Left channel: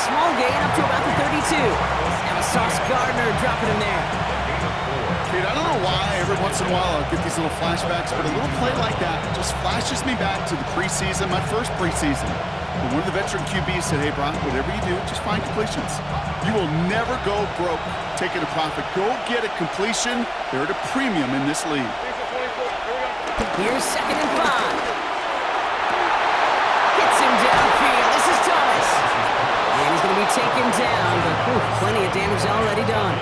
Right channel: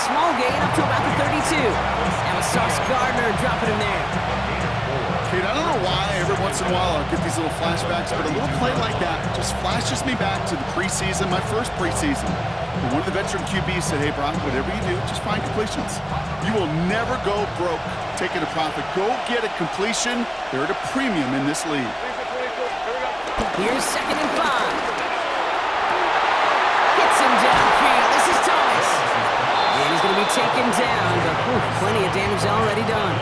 small gain up to about the 32. Now Sauce Gardner dropping him there. Kate, I don't know why every once in a while I'll get these little flashbacks, but a little play like that just flashes me back to the preseason, my first preseason. When one of the veteran QBs said, hey, Brock, whatever you do, just find completions. You will never go broke taking a profit. Go get a completion. They're at a premium in this league. Here's 2nd and 5. Hits him downfield. This is Thomas. And he's going to be taken down, but plenty of damage already done.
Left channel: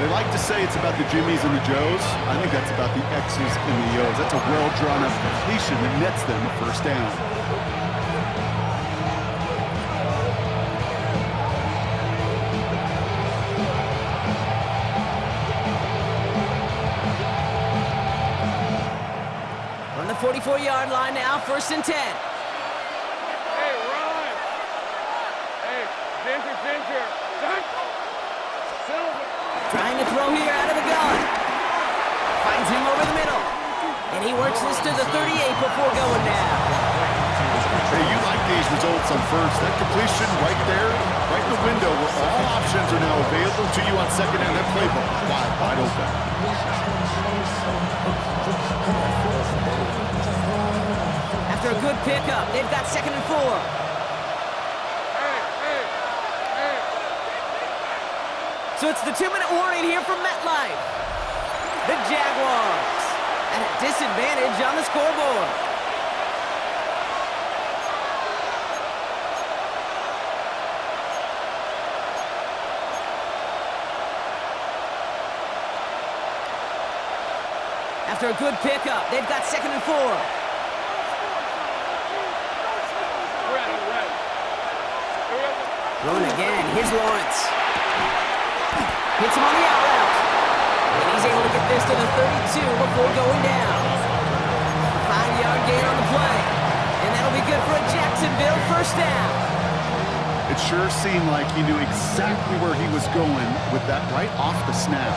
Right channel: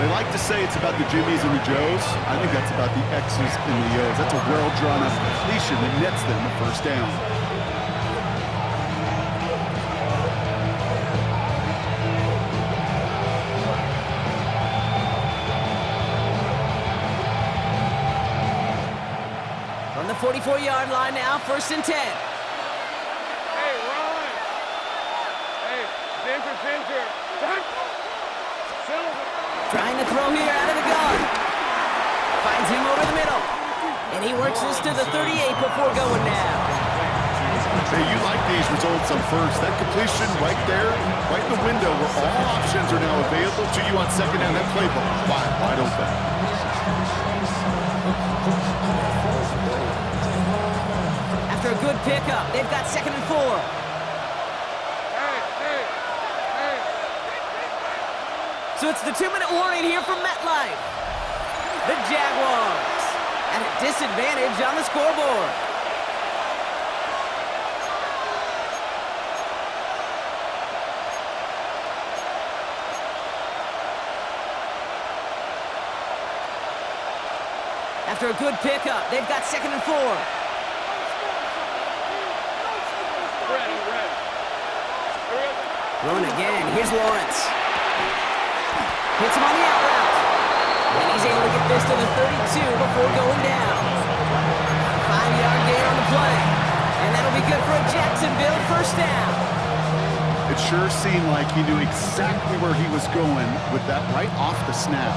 They like to say it's about the Jimmies and the Joes. I think that's about the X's and the O's. That's a well-drawn-up completion that nets them a first down. From the 44-yard line now, 1st and 10. Hey, Ron. Hey, Ginger. Silver. Trying to throw here out of the gun. Finds him over the middle. And he works this to the 38 before going down. Hey, you like these results on first. That completion right there, right in the window where all options are now available to you on 2nd down. That playbook wide open. After a good pickup, they've got 2nd and 4. So it's the 2-minute warning here from MetLife. The Jaguars at a disadvantage on the scoreboard. After a good pickup, they've got 2nd and 4. Throwing again. Here's Lawrence. Hits him on the out route. And he's able to get this to the 32 before going down. A 5-yard gain on the play. And that'll be good for a Jacksonville first down. It sure seemed like he knew exactly where he was going with that right off the snap.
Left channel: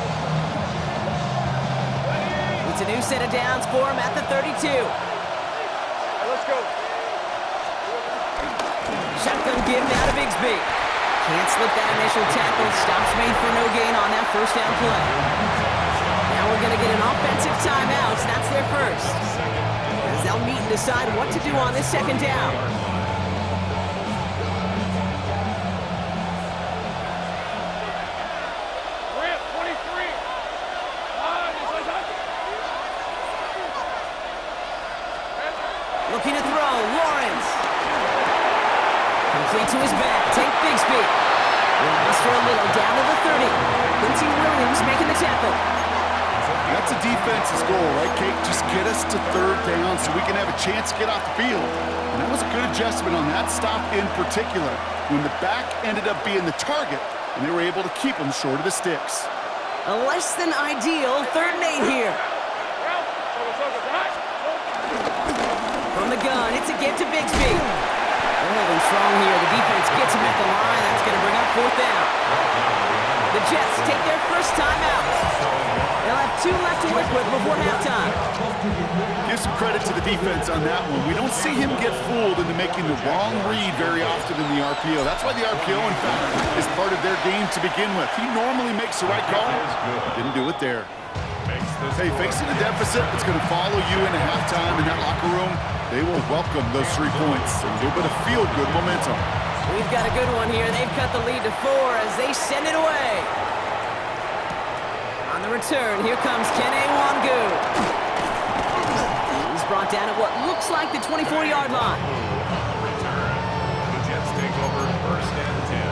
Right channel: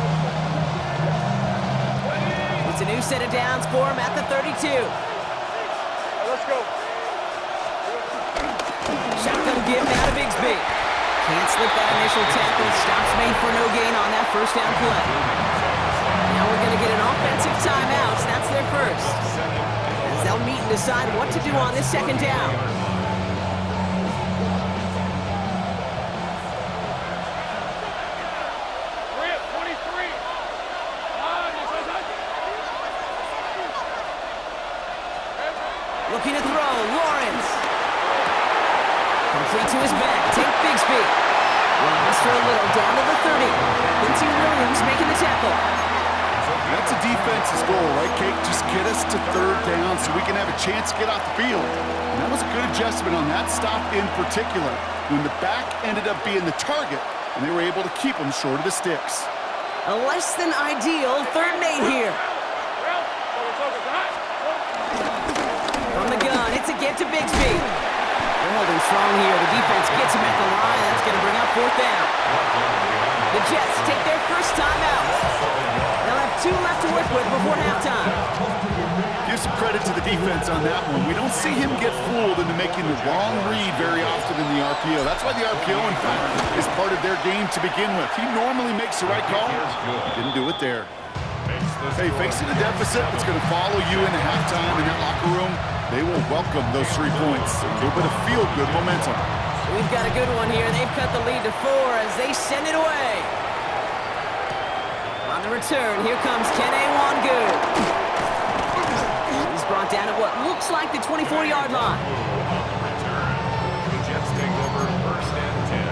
It's a new set of downs for him at the 32. All right, let's go. Shotgun give now to Bigsby. Can't slip that initial tackle. Stops made for no gain on that first down play. Now we're going to get an offensive timeout. That's their first. As they'll meet and decide what to do on this 2nd down. Looking to throw, Lawrence. Complete to his back, take Bigsby. Will muster a little down to the 30. Quincy Williams making the tackle. That's a defense's goal, right, Kate? Just get us to 3rd down so we can have a chance to get off the field. And that was a good adjustment on that stop in particular, when the back ended up being the target, and they were able to keep him short of the sticks. A less than ideal 3rd and 8 here. From the gun, it's a give to Bigsby. They're holding strong here. The defense gets him at the line. That's going to bring up 4th down. The Jets take their first time out. They'll have 2 left to work with before halftime. Give some credit to the defense on that one. We don't see him get fooled into making the wrong read very often in the RPO. That's why the RPO, in fact, is part of their game to begin with. He normally makes the right call. Didn't do it there. Hey, facing a deficit that's going to follow you into halftime in that locker room, they will welcome those 3 points. A little bit of feel-good momentum. We've got a good one here. They've cut the lead to 4 as they send it away. On the return, here comes Kene Wangu. He's brought down at what looks like the 24-yard line. On the return, the Jets take over 1st and 10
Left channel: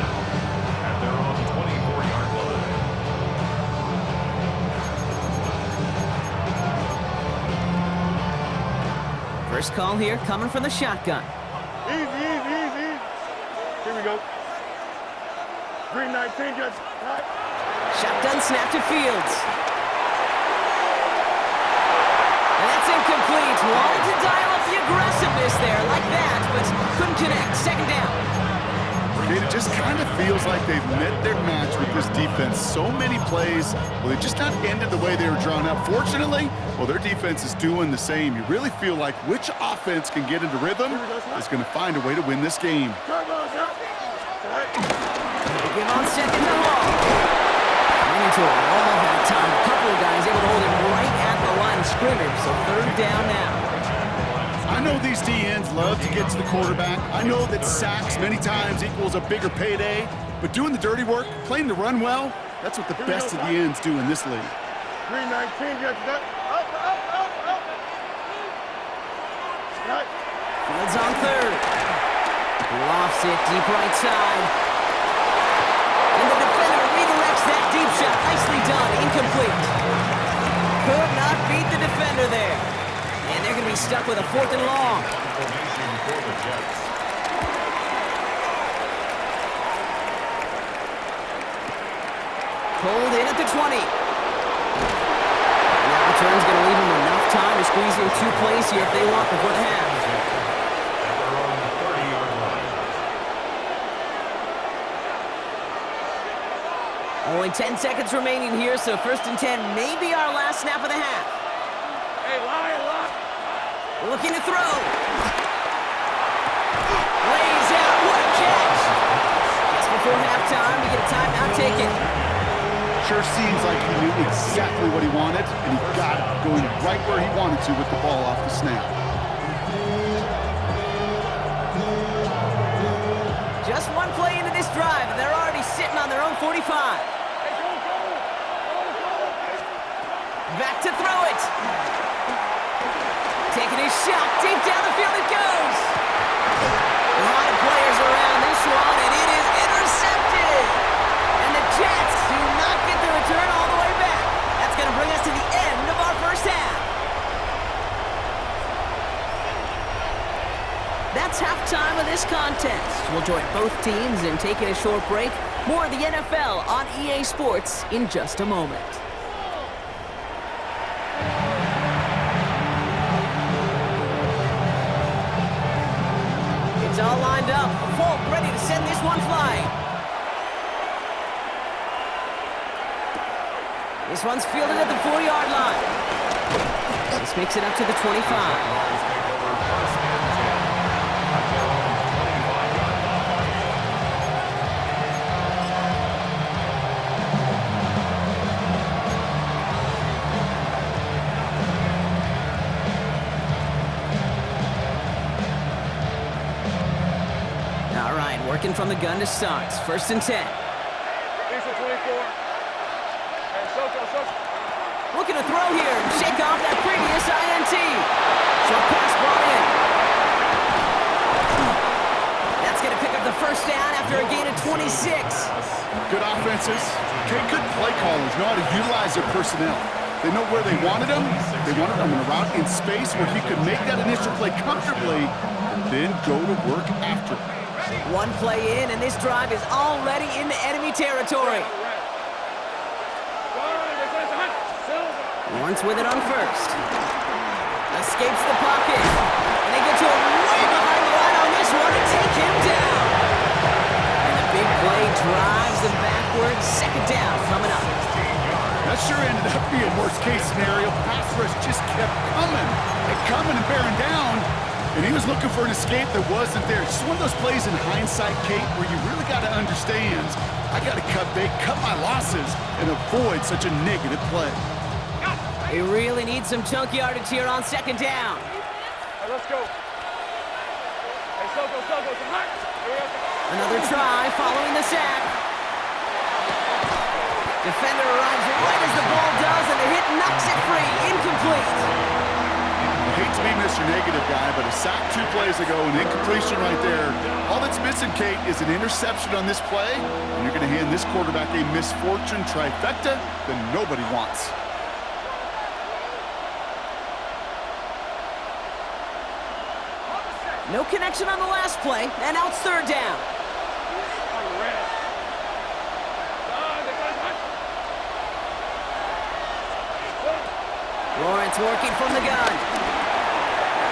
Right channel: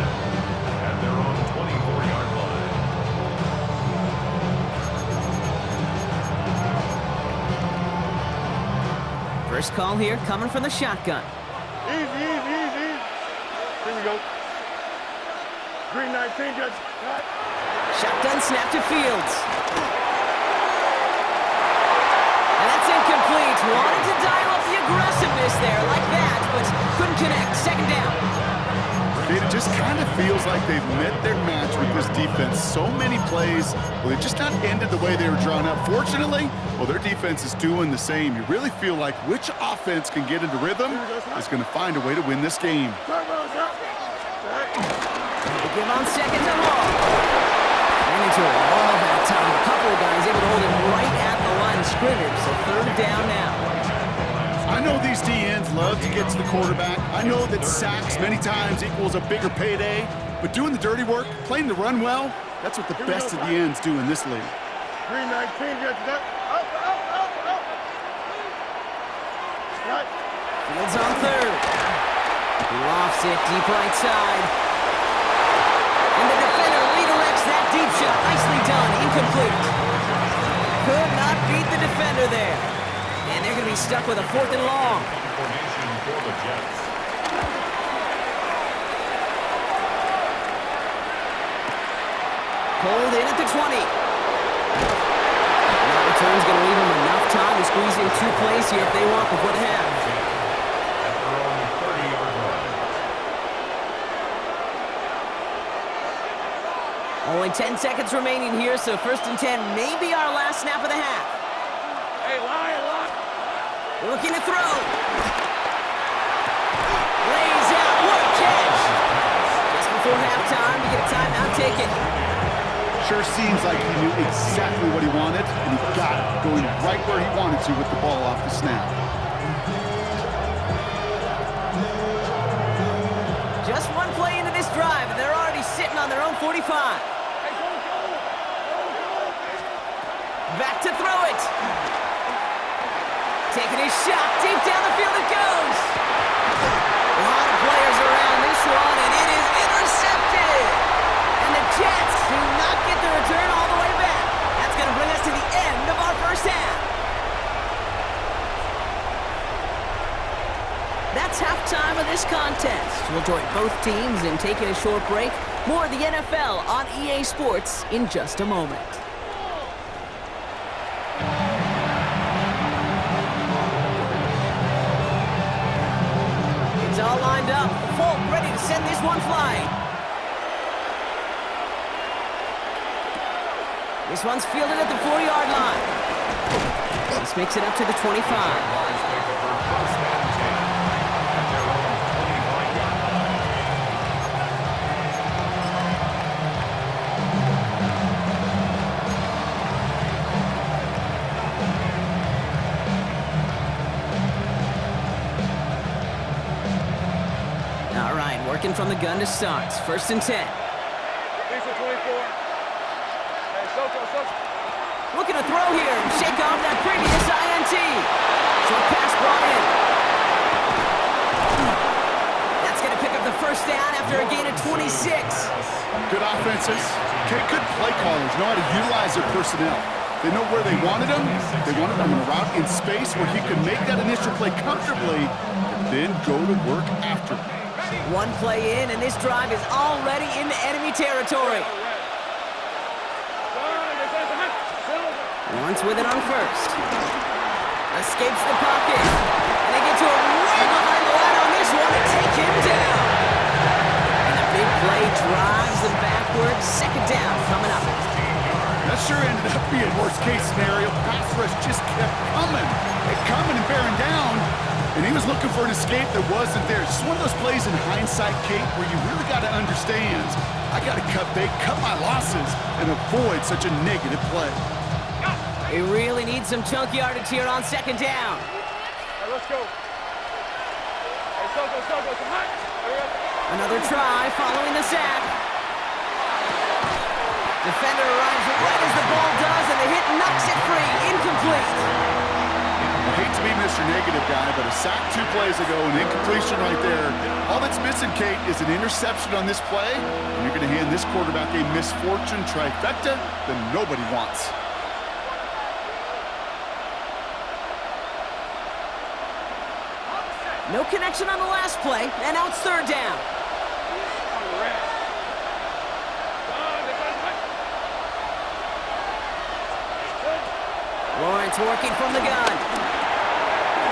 at their own 24-yard line. First call here coming from the shotgun. Easy. Here we go. Green 19, just right. Shotgun snap to Fields. And that's incomplete. Wanted to dial up the aggressiveness there like that, but couldn't connect. 2nd down. It just kind of feels like they've met their match with this defense. So many plays, well, they just not ended the way they were drawn up. Fortunately, well, their defense is doing the same. You really feel like which offense can get into rhythm is going to find a way to win this game. They give on second to Hall. Ran into a wall that time. A couple of guys able to hold him right at the line of scrimmage, so third down now. I know these DNs love to get to the quarterback. I know that sacks many times equals a bigger payday, but doing the dirty work, playing the run well, that's what the best of the ends do in this league. 319, get that. Up. Right. Fields on third. He lofts it deep right side. And the defender redirects that deep shot. Nicely done. Incomplete. Could not beat the defender there. And they're going to be stuck with a 4th and long. Formation for the Jets. Pulled in at the 20. And that return's going to leave them enough time to squeeze in 2 plays here if they want before the half. At their own 30-yard line. Only 10 seconds remaining here, so 1st and 10 may be our last snap of the half. Hey, lie. Looking to throw. Lays out. What a catch. Just before halftime, we get a timeout taken. Sure seems like he knew exactly what he wanted, and he got it, going right where he wanted to with the ball off the snap. Just 1 play into this drive, and they're already sitting on their own 45. Hey, go. Back to throw it. Taking his shot, deep down the field it goes. A lot of players around this one, and it is intercepted. And the Jets do not get the return all the way back. That's going to bring us to the end of our first half. That's halftime of this contest. We'll join both teams in taking a short break. More of the NFL on EA Sports in just a moment. It's all lined up. Folk ready to send this one flying. This one's fielded at the 4-yard line. This makes it up to the 25. Jaguars take over 1st and 10 at their own 25-yard line. All right, working from the gun to start. 1st and 10. Diesel 24. Hey, Soto. Looking to throw here and shake off that previous INT. Short pass brought in. That's going to pick up the 1st down after a gain of 26. Good offenses. Good play callers know how to utilize their personnel. They know where they wanted him. They wanted him in a route in space where he could make that initial play comfortably and then go to work after. 1 play in, and this drive is already into enemy territory. Lawrence with it on 1st. Escapes the pocket. And they get to him way behind the line on this one and take him down. And the big play drives them backwards. 2nd down coming up. That sure ended up being worst-case scenario. Pass rush just kept coming and bearing down. And he was looking for an escape that wasn't there. It's just one of those plays in hindsight, Kate, where you really got to understand, I got to cut bait, cut my losses, and avoid such a negative play. They really need some chunk yardage here on 2nd down. Right, let's go. Hey, Soto, come on. Another try following the sack. Defender arrives right as the ball does, and the hit knocks it free. Incomplete. I hate to be Mr. Negative guy, but a sack 2 plays ago, an incompletion right there. All that's missing, Kate, is an interception on this play, and you're going to hand this quarterback a misfortune trifecta that nobody wants. No connection on the last play, and now it's 3rd down. Lawrence working from the gun.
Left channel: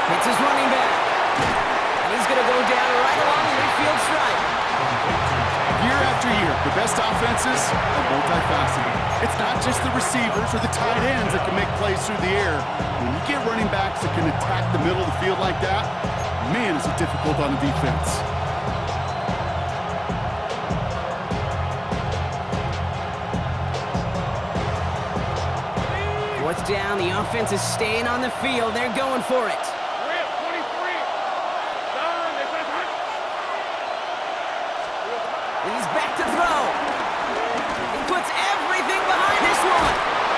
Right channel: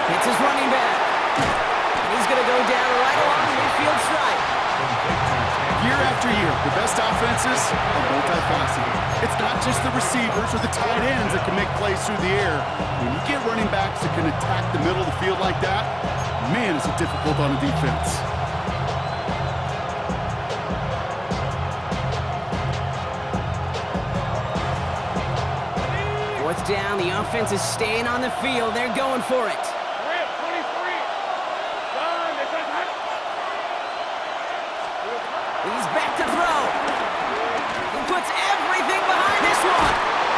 Hits his running back. And he's going to go down right along the midfield stripe. Year after year, the best offenses are multifaceted. It's not just the receivers or the tight ends that can make plays through the air. When you get running backs that can attack the middle of the field like that, man, is it difficult on a defense. down. The offense is staying on the field. They're going for it. 23. Done. He's back to throw. He puts everything behind this one.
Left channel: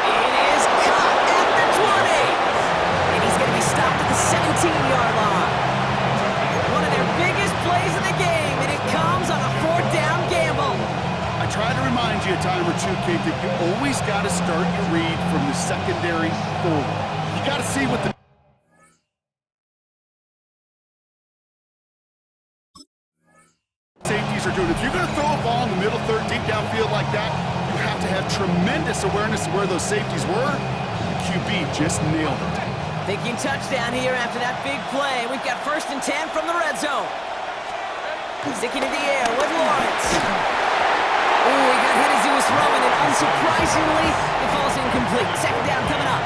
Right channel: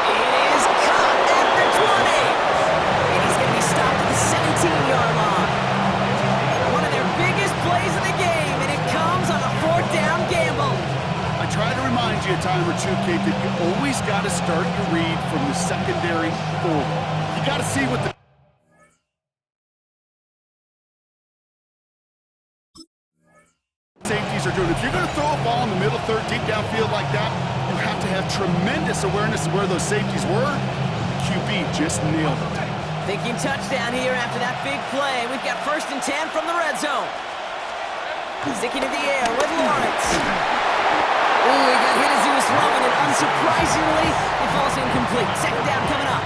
It is caught at the 20. And he's going to be stopped at the 17-yard line. One of their biggest plays of the game, and it comes on a 4th down gamble. I try to remind you a time or two, Kate, that you always got to start your read from the secondary forward. You got to see what the safeties are doing. If you're going to throw a ball in the middle third, deep downfield like that, you have to have tremendous awareness of where those safeties were. The QB just nailed it. Thinking touchdown here after that big play. We've got 1st and 10 from the red zone. Sticking in the air with Lawrence. Oh, he got hit as he was throwing, and unsurprisingly, it falls incomplete. 2nd down coming up.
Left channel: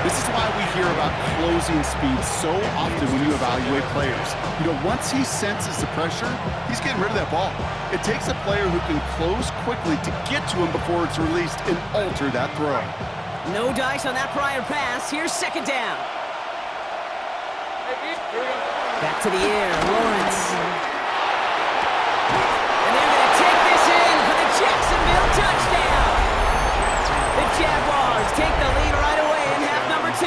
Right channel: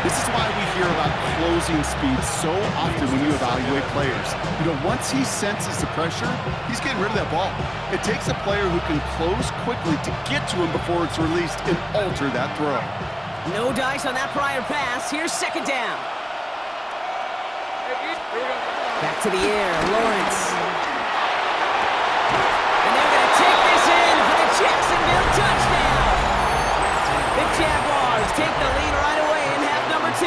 This is why we hear about closing speed so often when you evaluate players. You know, once he senses the pressure, he's getting rid of that ball. It takes a player who can close quickly to get to him before it's released and alter that throw. No dice on that prior pass. Here's 2nd down. Here we go. Back to the air, Lawrence. And they're going to take this in for the Jacksonville touchdown. The Jaguars take the lead right away in half number 2.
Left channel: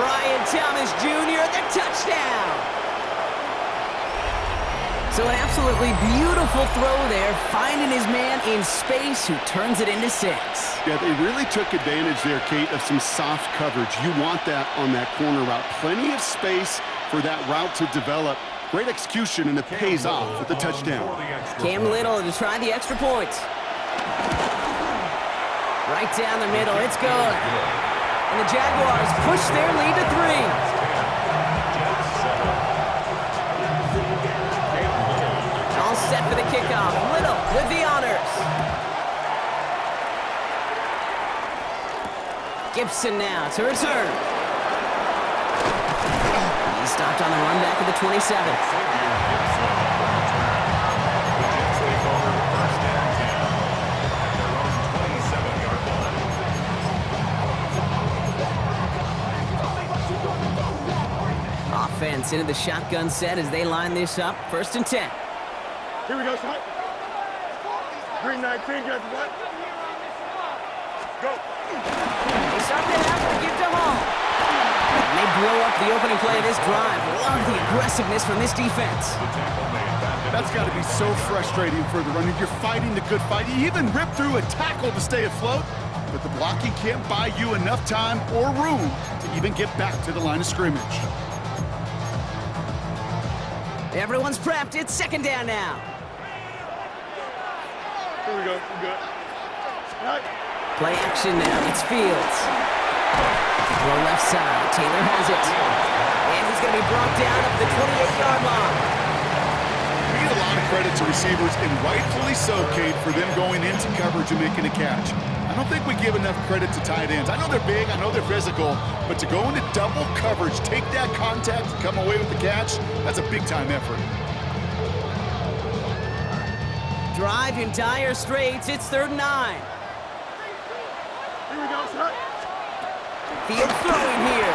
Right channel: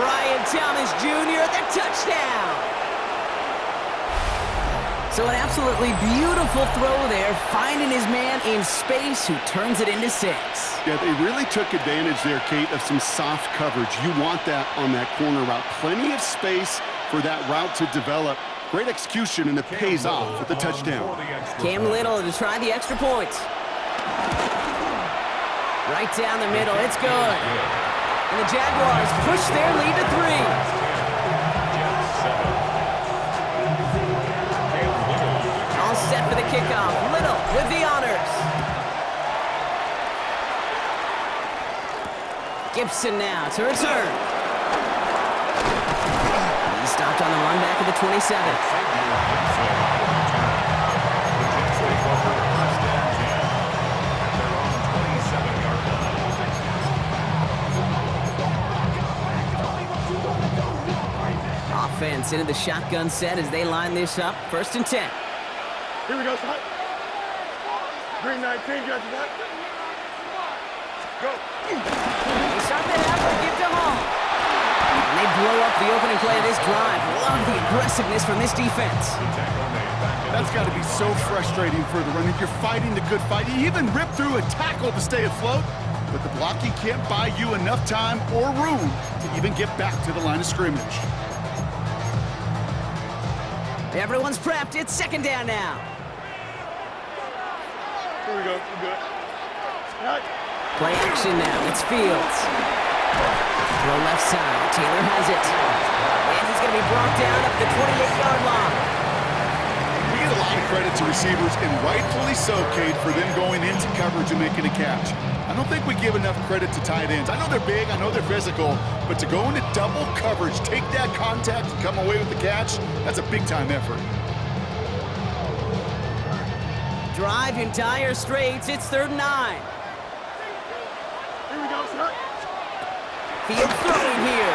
Brian Thomas Jr., the touchdown. So an absolutely beautiful throw there, finding his man in space who turns it into 6. Yeah, they really took advantage there, Kate, of some soft coverage. You want that on that corner route. Plenty of space for that route to develop. Great execution, and it pays off with the touchdown. Cam Little to try the extra point. Right down the middle, it's good. And the Jaguars push their lead to 3. All set for the kickoff. Little with the honors. Gibson now to return. He's stopped on the run back at the 27. Offense into the shotgun set as they line this up. 1st and 10. Here we go, son. Green 19, got you that? Go. They start the half and give to Hall. And they blow up the opening play of this drive. Love the aggressiveness from this defense. That's got to be so frustrating for the runner. You're fighting the good fight. You even rip through a tackle to stay afloat, but the blocking can't buy you enough time or room to even get back to the line of scrimmage. Everyone's prepped. It's 2nd down now. Here we go. We're good. Right. Play action now. It's Fields. Throw left side. Taylor has it. And he's going to be brought down up the 28-yard line. We give a lot of credit to receivers, and rightfully so, Kate, for them going into coverage and making a catch. I don't think we give enough credit to tight ends. I know they're big, I know they're physical, but to go into double coverage, take that contact, and come away with the catch, that's a big-time effort. Drive in dire straits. It's 3rd and 9. Here we go, son. Field throwing here.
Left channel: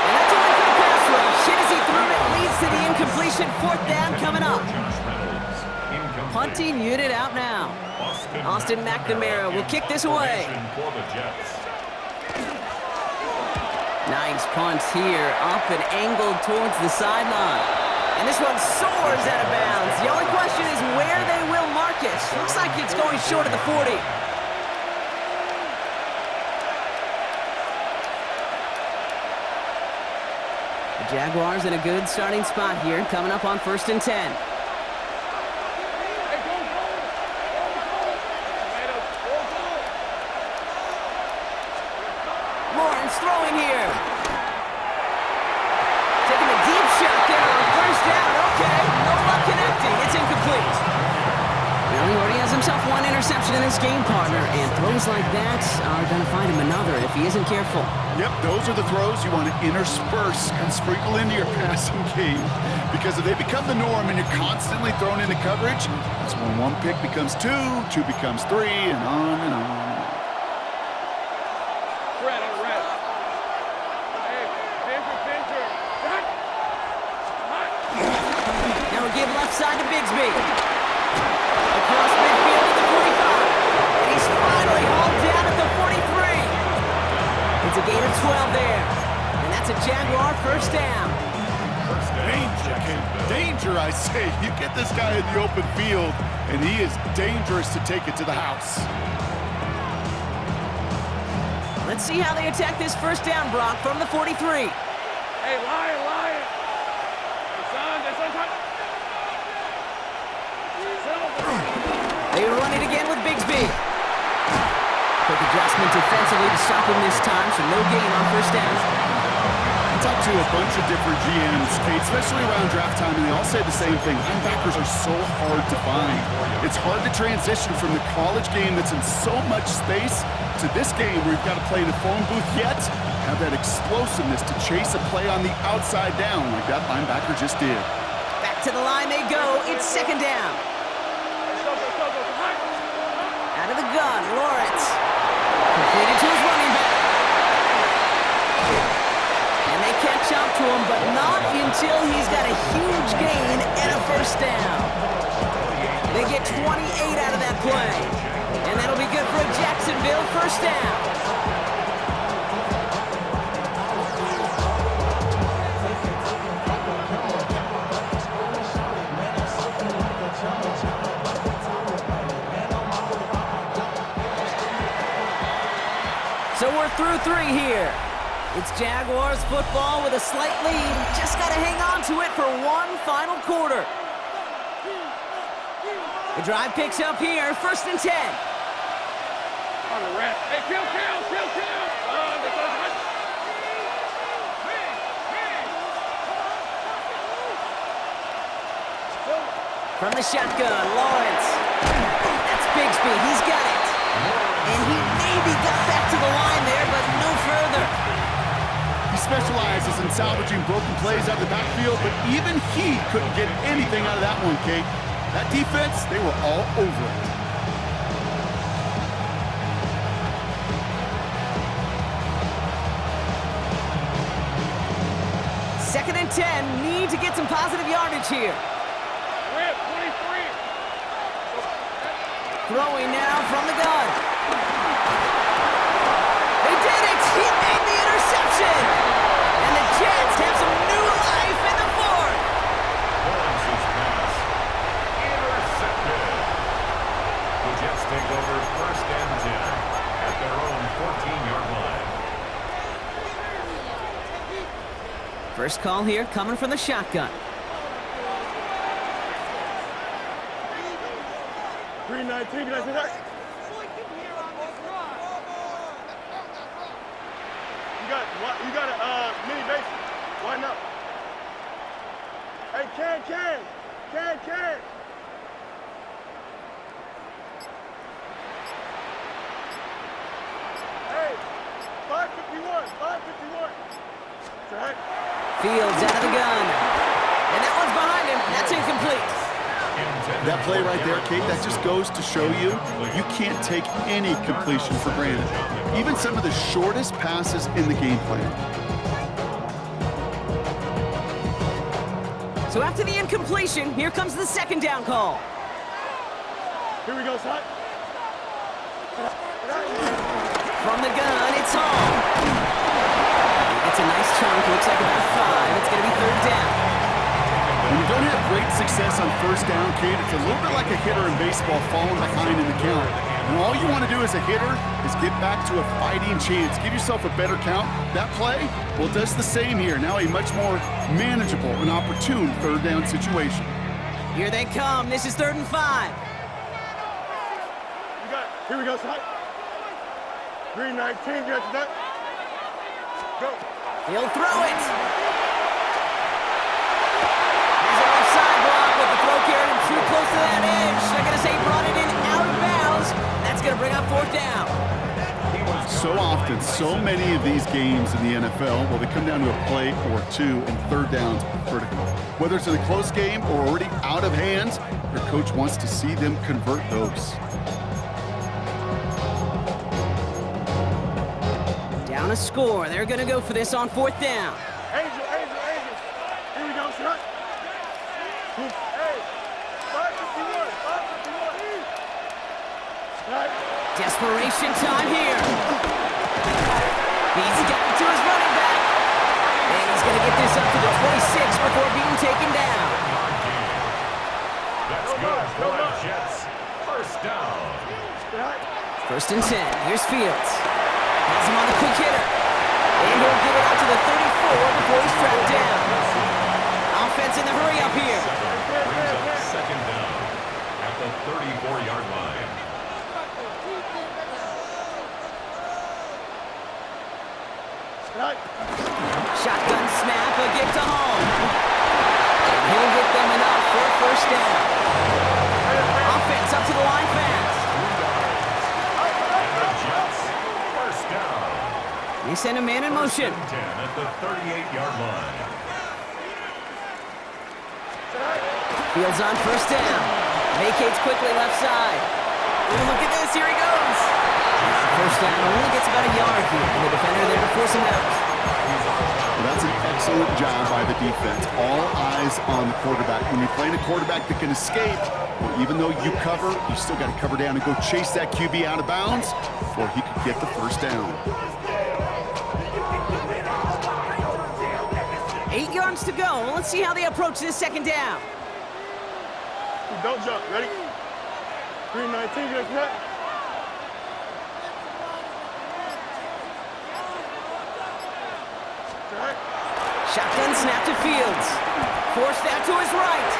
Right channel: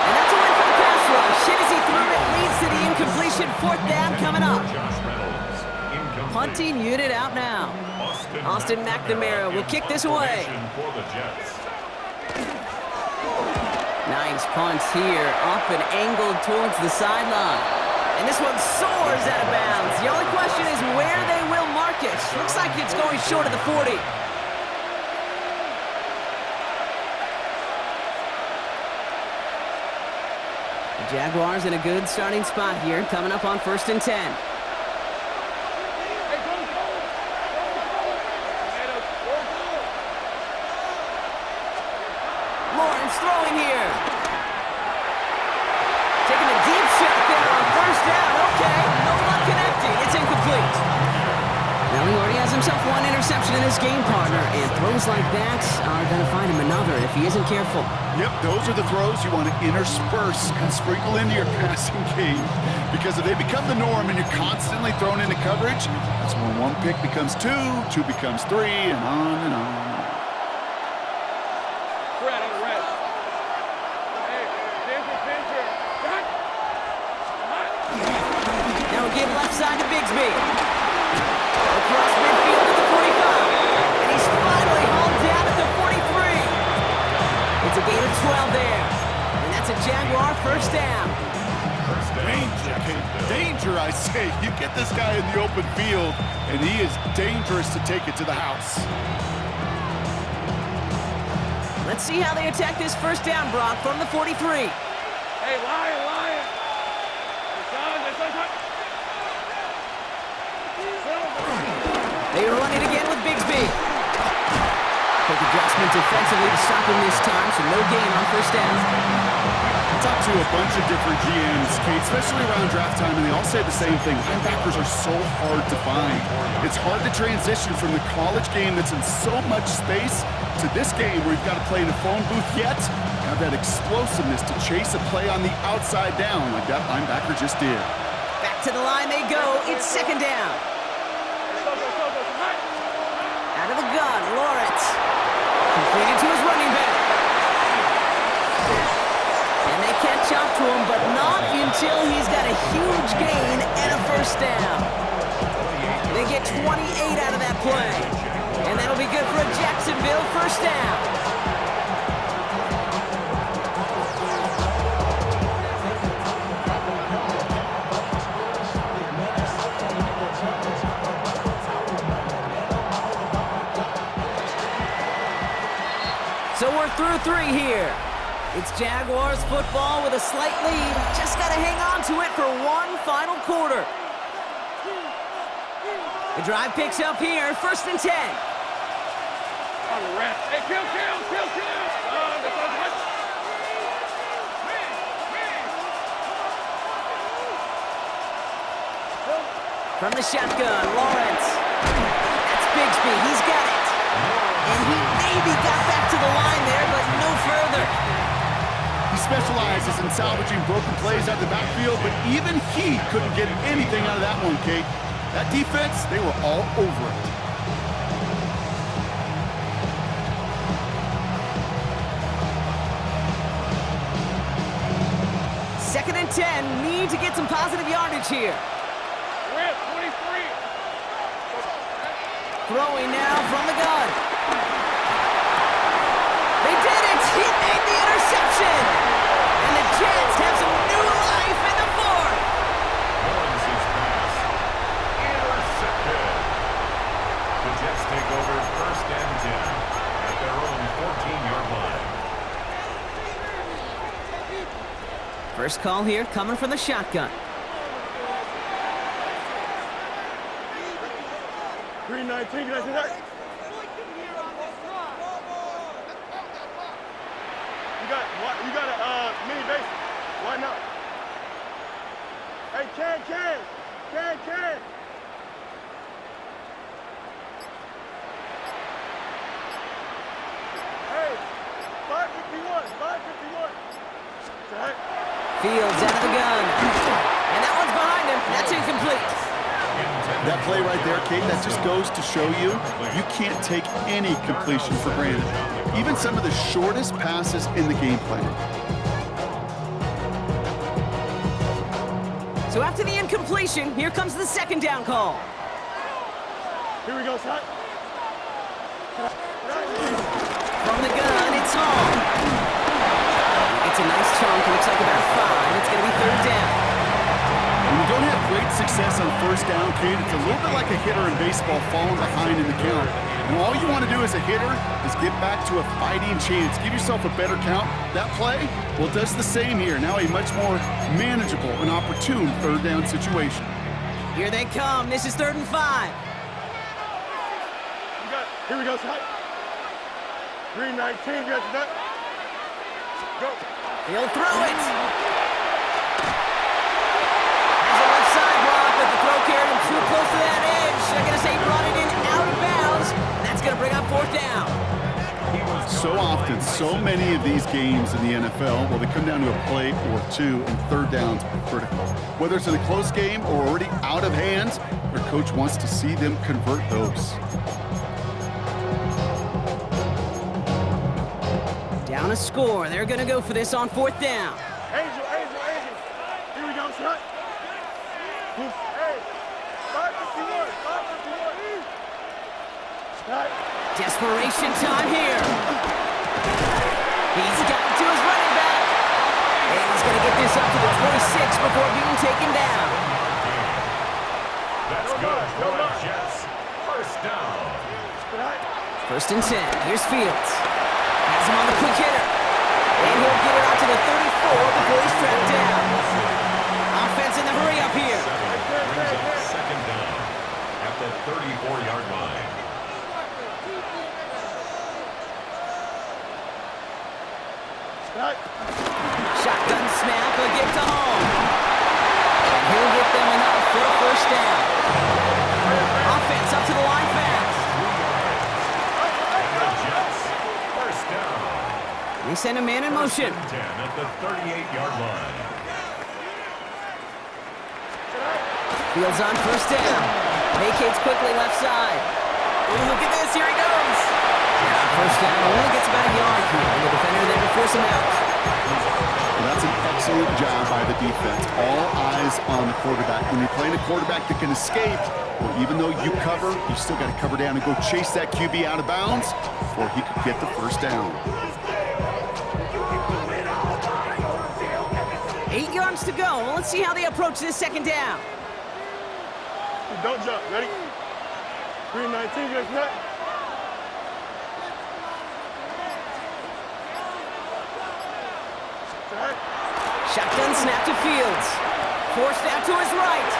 And that's a win for the pass rush. Hit as he threw it, leads to the incompletion. 4th down coming up. Punting unit out now. Austin McNamara will kick this away. Nice punt here, up and angled towards the sideline. And this one soars out of bounds. The only question is where they will mark it. Looks like it's going short of the 40. The Jaguars in a good starting spot here, coming up on 1st and 10. Lawrence throwing here. Taking a deep shot there on 1st down. Okay, no luck connecting. It's incomplete. Well, he already has himself one interception in this game, partner, and throws like that are going to find him another if he isn't careful. Yep, those are the throws you want to intersperse and sprinkle into your passing game. Because if they become the norm and you're constantly thrown into coverage, that's when one pick becomes 2, 2 becomes 3, and on and on. They'll give left side to Bigsby. Across midfield to the 45. And he's finally hauled down at the 43. It's a gain of 12 there. And that's a Jaguar first down. Danger, Kate. Danger, I say. You get this guy in the open field, and he is dangerous to take it to the house. Let's see how they attack this first down, Brock, from the 43. Hey, Lion. Hey, son. They run it again with Bigsby. Quick adjustment defensively to stop him this time, so no gain on first down. I talked to a bunch of different GMs, Kate, especially around draft time, and they all say the same thing. Linebackers are so hard to find. It's hard to transition from the college game that's in so much space to this game where you've got to play in a phone booth, yet have that explosiveness to chase a play on the outside down like that linebacker just did. Back to the line they go. It's second down. Out of the gun, Lawrence. Completed to his running back. And they catch up to him, but not until he's got a huge gain and a first down. They get 28 out of that play. And that'll be good for a Jacksonville first down. So we're through three here. It's Jaguars football with a slight lead. Just got to hang on to it for one final quarter. The drive picks up here, 1st and 10. On the rat. Hey, kill. From the shotgun, Lawrence. That's Bigsby, he's got it. And he maybe got back to the line there, but no further. He specializes in salvaging broken plays out of the backfield, but even he couldn't get anything out of that one, Kate. That defense, they were all over it. Second and 10, need to get some positive yardage here. Rip, 23. Throwing now from the gun. They did it! He made the interception! And the Jets have some new life in the 4th. Lawrence's pass intercepted. The Jets take over 1st and 10 at their own 14-yard line. First call here coming from the shotgun. Green 19, can I see that? You got a mini base. Why not? Hey, can. Hey, 551. Check. Fields out of the gun. And that one's behind him. That's incomplete. That play right there, Kate, that just goes to show you can't take any completion for granted. Even some of the shortest passes in the game plan. So after the incompletion, here comes the second down call. Here we go, son. From the gun, it's Hall. He gets a nice chunk, looks like about 5. It's going to be 3rd down. When you don't have great success on first down, Kate, it's a little bit like a hitter in baseball falling behind in the count. And all you want to do as a hitter is get back to a fighting chance. Give yourself a better count. That play, well, it does the same here. Now a much more manageable and opportune 3rd down situation. Here they come. This is 3rd and 5. Here we go, son. Green 19, got that. Go. He'll throw it. Side block, but the throw carried him too close to that edge. They're going to say he brought it in out of bounds, and that's going to bring up 4th down. So often, so many of these games in the NFL, well, they come down to a play or two, and 3rd downs are critical. Whether it's in a close game or already out of hand, their coach wants to see them convert those. Down a score. They're going to go for this on 4th down. Angel. Here we go, son. Hey, Desperation time here. He's got it to his running back. And he's going to get this up to the 26 before being taken down. That's good for the Jets. First down. 1st and 10. Here's Fields. Has him on the quick hitter. And he'll get it out to the 34 before he's tracked down. Offense in the hurry up here. Brings up 2nd down at the 34-yard line. Shotgun snap, a gift to home. And he'll get them enough for a 1st down. Offense up to the line fast. 3 yards. And the Jets, 1st down. They send a man in motion. 10 at the 38-yard line. Fields on 1st down. Vacates quickly left side. Ooh, look at this, here he goes. And on 1st down, only gets about a yard here. And the defender there to force him out. Well, that's an excellent job by the defense. All eyes on the quarterback. When you're playing a quarterback that can escape, well, even though you cover, you still got to cover down and go chase that QB out of bounds before he could get the 1st down. 8 yards to go. Well, let's see how they approach this 2nd down. Don't jump. Ready? 3-19, get that. Shotgun snap to Fields. Forced out to his right.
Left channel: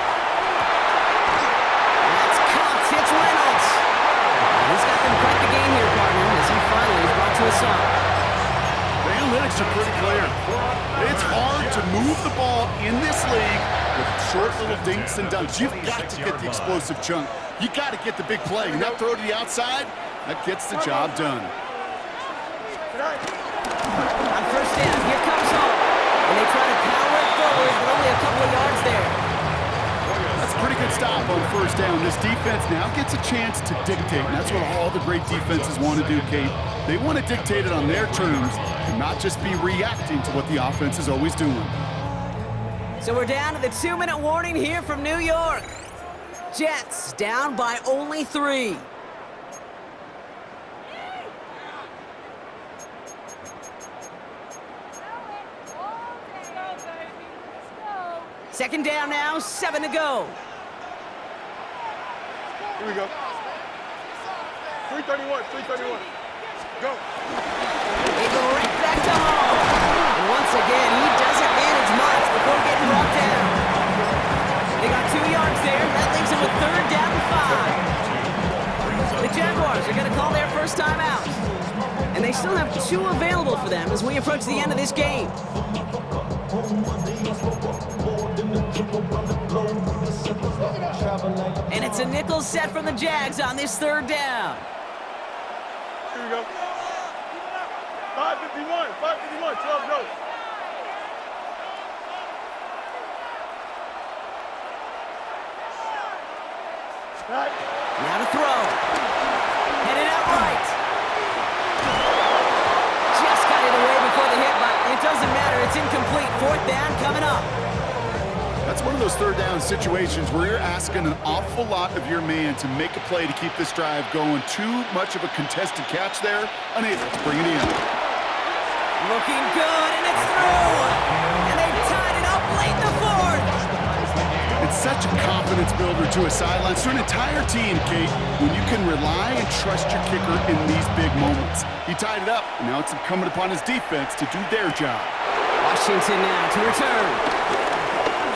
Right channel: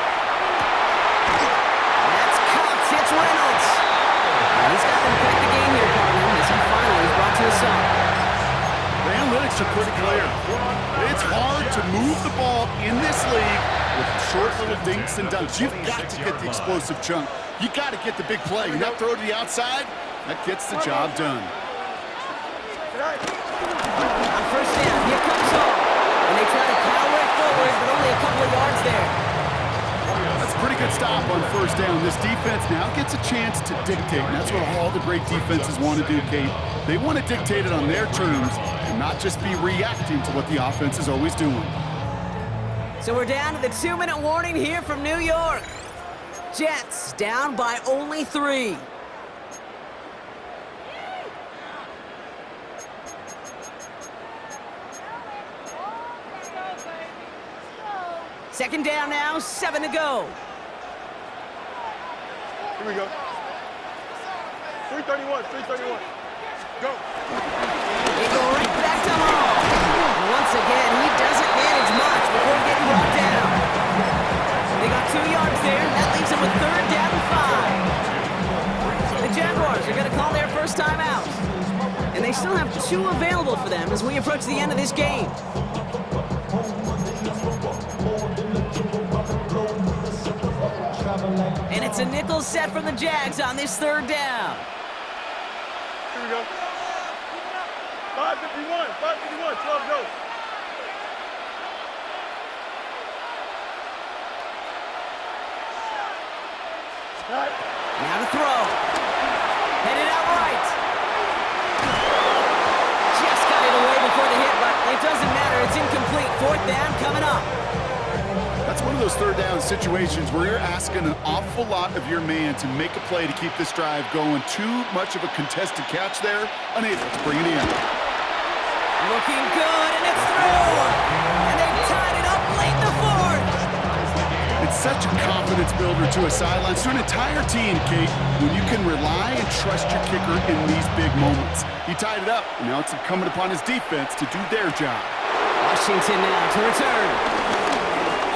That's caught. It's Reynolds. And he's got them quite the gain here, partner, as he finally is brought to a stop. The analytics are pretty clear. It's hard to move the ball in this league with short little dinks and dunks. You've got to get the explosive chunk. You got to get the big play. And that throw to the outside, that gets the job done. On 1st down, here comes home. And they try to power it forward, but only a couple of yards there. That's a pretty good stop on 1st down. This defense now gets a chance to dictate, and that's what all the great defenses want to do, Kate. They want to dictate it on their terms and not just be reacting to what the offense is always doing. So we're down to the 2-minute warning here from New York. Jets down by only 3. Second down now, 7 to go. Here we go. 331, 331. Go. They go right back to home. And once again, he doesn't manage much before getting brought down. They got 2 yards there, and that leaves them with 3rd down and 5. The Jaguars are going to call their 1st time out. And they still have 2 available for them as we approach the end of this game. And it's a nickel set from the Jags on this 3rd down. Here we go. 551, 551, 12 goes. Now to throw. Headed out right. Just got it away before the hit, but it doesn't matter. It's incomplete. 4th down coming up. That's one of those 3rd down situations where you're asking an awful lot of your man to make a play to keep this drive going. Too much of a contested catch there, unable to bring it in. Looking good, and it's through. And they've tied it up late in the 4th. It's such a confidence builder to a sideline, to an entire team, Kate, when you can rely and trust your kicker in these big moments. He tied it up, and now it's incumbent upon his defense to do their job. Washington now to return.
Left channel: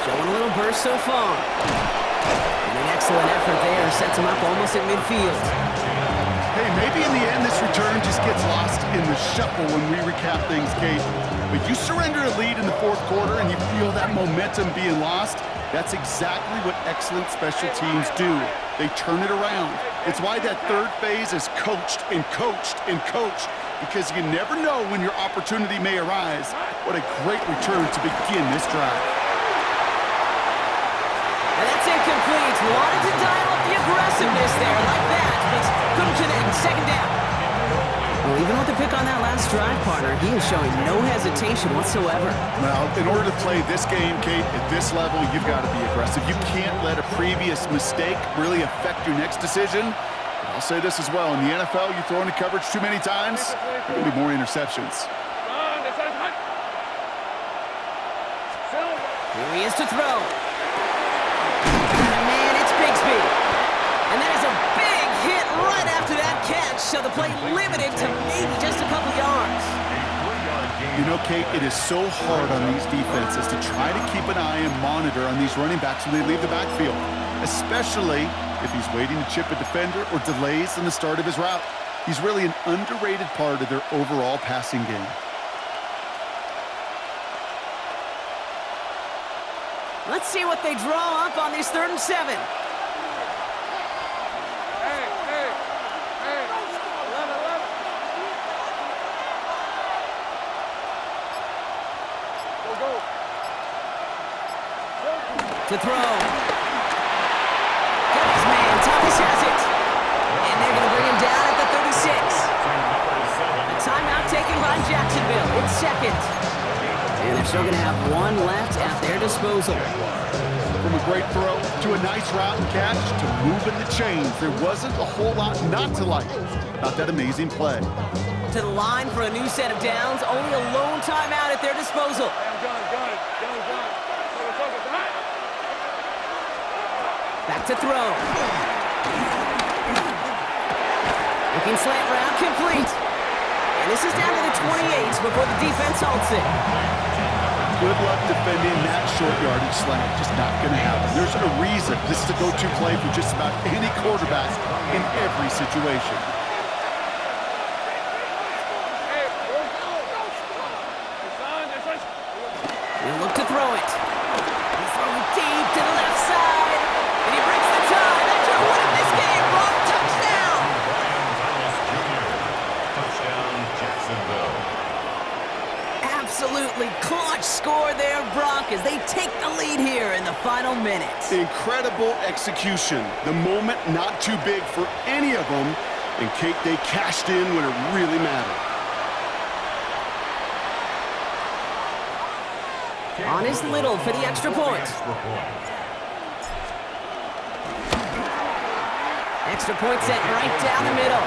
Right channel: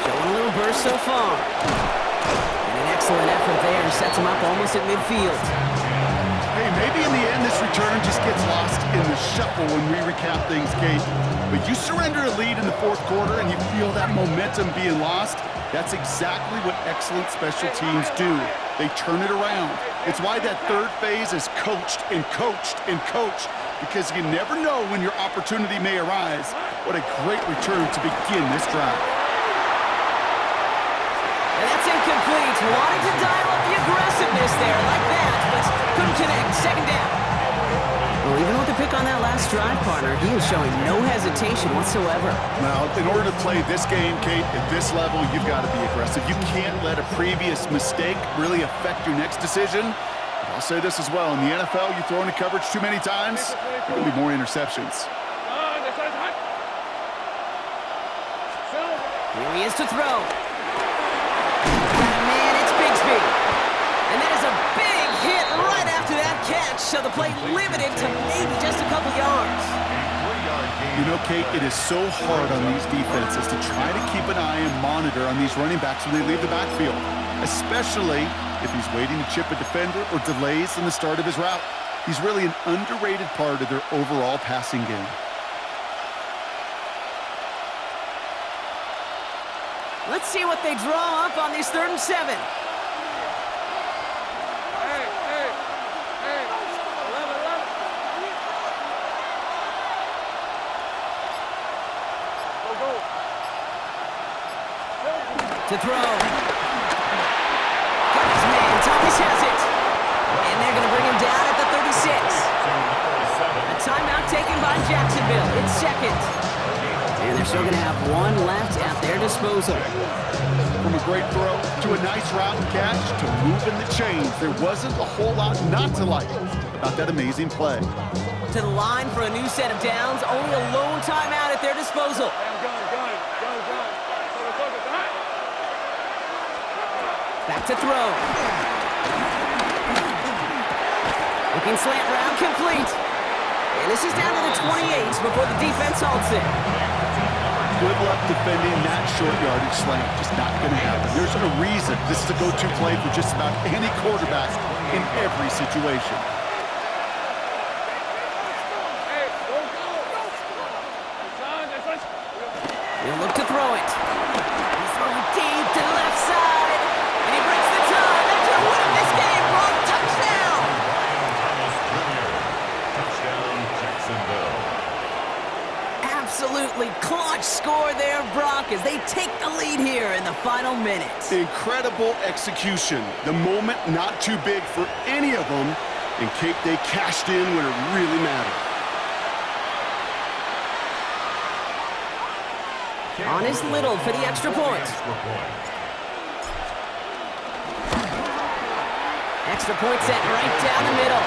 Showing a little burst so far. And an excellent effort there sets him up almost at midfield. Hey, maybe in the end this return just gets lost in the shuffle when we recap things, Kate. But you surrender a lead in the 4th quarter and you feel that momentum being lost. That's exactly what excellent special teams do. They turn it around. It's why that 3rd phase is coached and coached and coached, because you never know when your opportunity may arise. What a great return to begin this drive. And that's incomplete. Wanted to dial up the aggressiveness there like that, but couldn't connect. 2nd down. Well, even with the pick on that last drive, partner, he is showing no hesitation whatsoever. Well, in order to play this game, Kate, at this level, you've got to be aggressive. You can't let a previous mistake really affect your next decision. But I'll say this as well. In the NFL, you throw into coverage too many times, there will be more interceptions. Here he is to throw. Got a man, it's Bigsby. And that is a big hit right after that catch, so the play limited to maybe just a couple yards. You know, Kate, it is so hard on these defenses to try to keep an eye and monitor on these running backs when they leave the backfield, especially if he's waiting to chip a defender or delays in the start of his route. He's really an underrated part of their overall passing game. Let's see what they draw up on this 3rd and 7. Hey, 11. Go. To throw. Got his man, Thomas has it. And they're going to bring him down at the 36. A timeout taken by Jacksonville. It's 2nd. And they're still going to have one left at their disposal. From a great throw to a nice route and catch to moving the chains, there wasn't a whole lot not to like about that amazing play. To the line for a new set of downs, only a lone timeout at their disposal. Back to throw. Looking slant route complete. And this is down to the 28 before the defense halts it. Good luck defending that short yardage slant. Just not going to happen. There's a reason this is a go-to play for just about any quarterback in every situation. He'll look to throw it. He's throwing deep to the left side. And he breaks the tie. That should win him this game. Brock, touchdown! Brian Thomas Jr. Touchdown, Jacksonville. Absolutely clutch score there, Brock, as they take the lead here in the final minutes. Incredible execution. The moment not too big for any of them. And Kate, they cashed in when it really mattered. On is Little for the extra point. Extra point set right down the middle.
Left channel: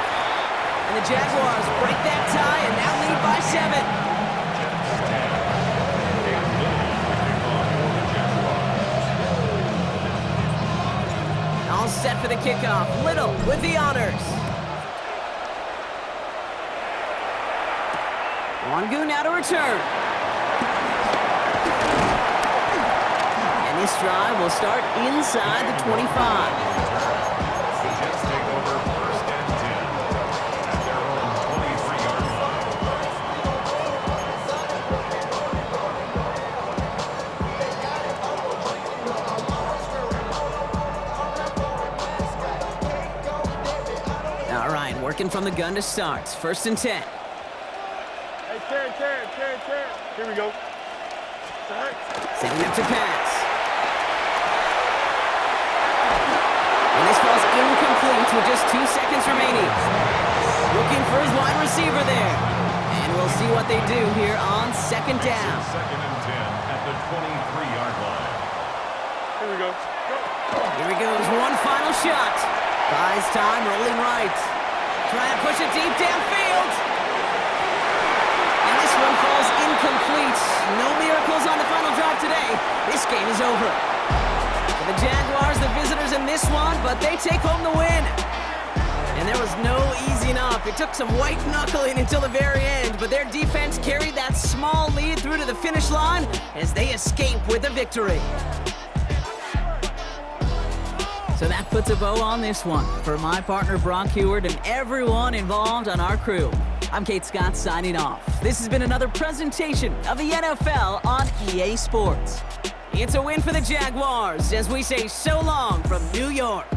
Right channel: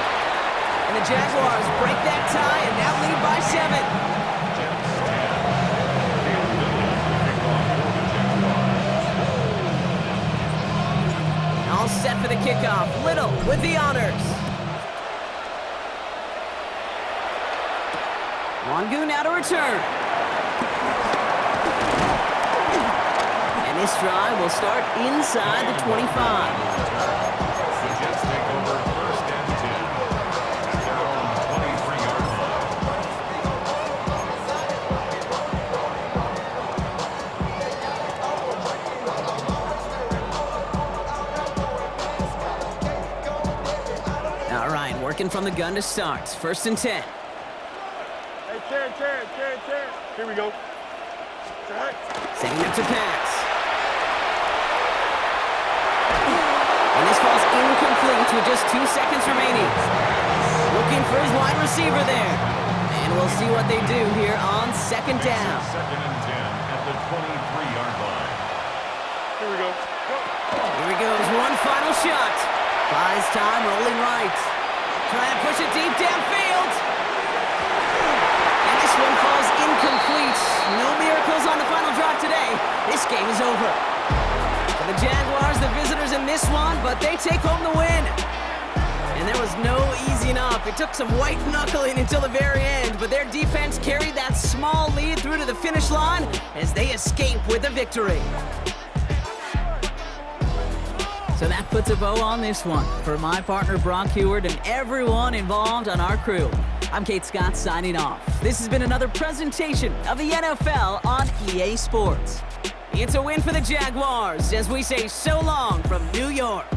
And the Jaguars break that tie and now lead by 7. All set for the kickoff. Little with the honors. Wangu now to return. And this drive will start inside the 25. The Jets take over 1st and 10 at their own 23-yard line. All right, working from the gun to start. 1st and 10. Hey, Terry. Here we go. Setting up to pass. And this falls incomplete with just 2 seconds remaining. Looking for his wide receiver there. And we'll see what they do here on 2nd down. 2nd and 10 at the 23-yard line. Here we go. Here he goes, one final shot. Buys time, rolling right. Trying to push it deep downfield. And this one falls incomplete. No miracles on the final drive today. This game is over. For the Jaguars, the visitors in this one, but they take home the win. And there was no easing up. It took some white knuckling until the very end, but their defense carried that small lead through to the finish line as they escape with a victory. So that puts a bow on this one. For my partner, Brock Heward, and everyone involved on our crew, I'm Kate Scott signing off. This has been another presentation of the NFL on EA Sports. It's a win for the Jaguars as we say so long from New York.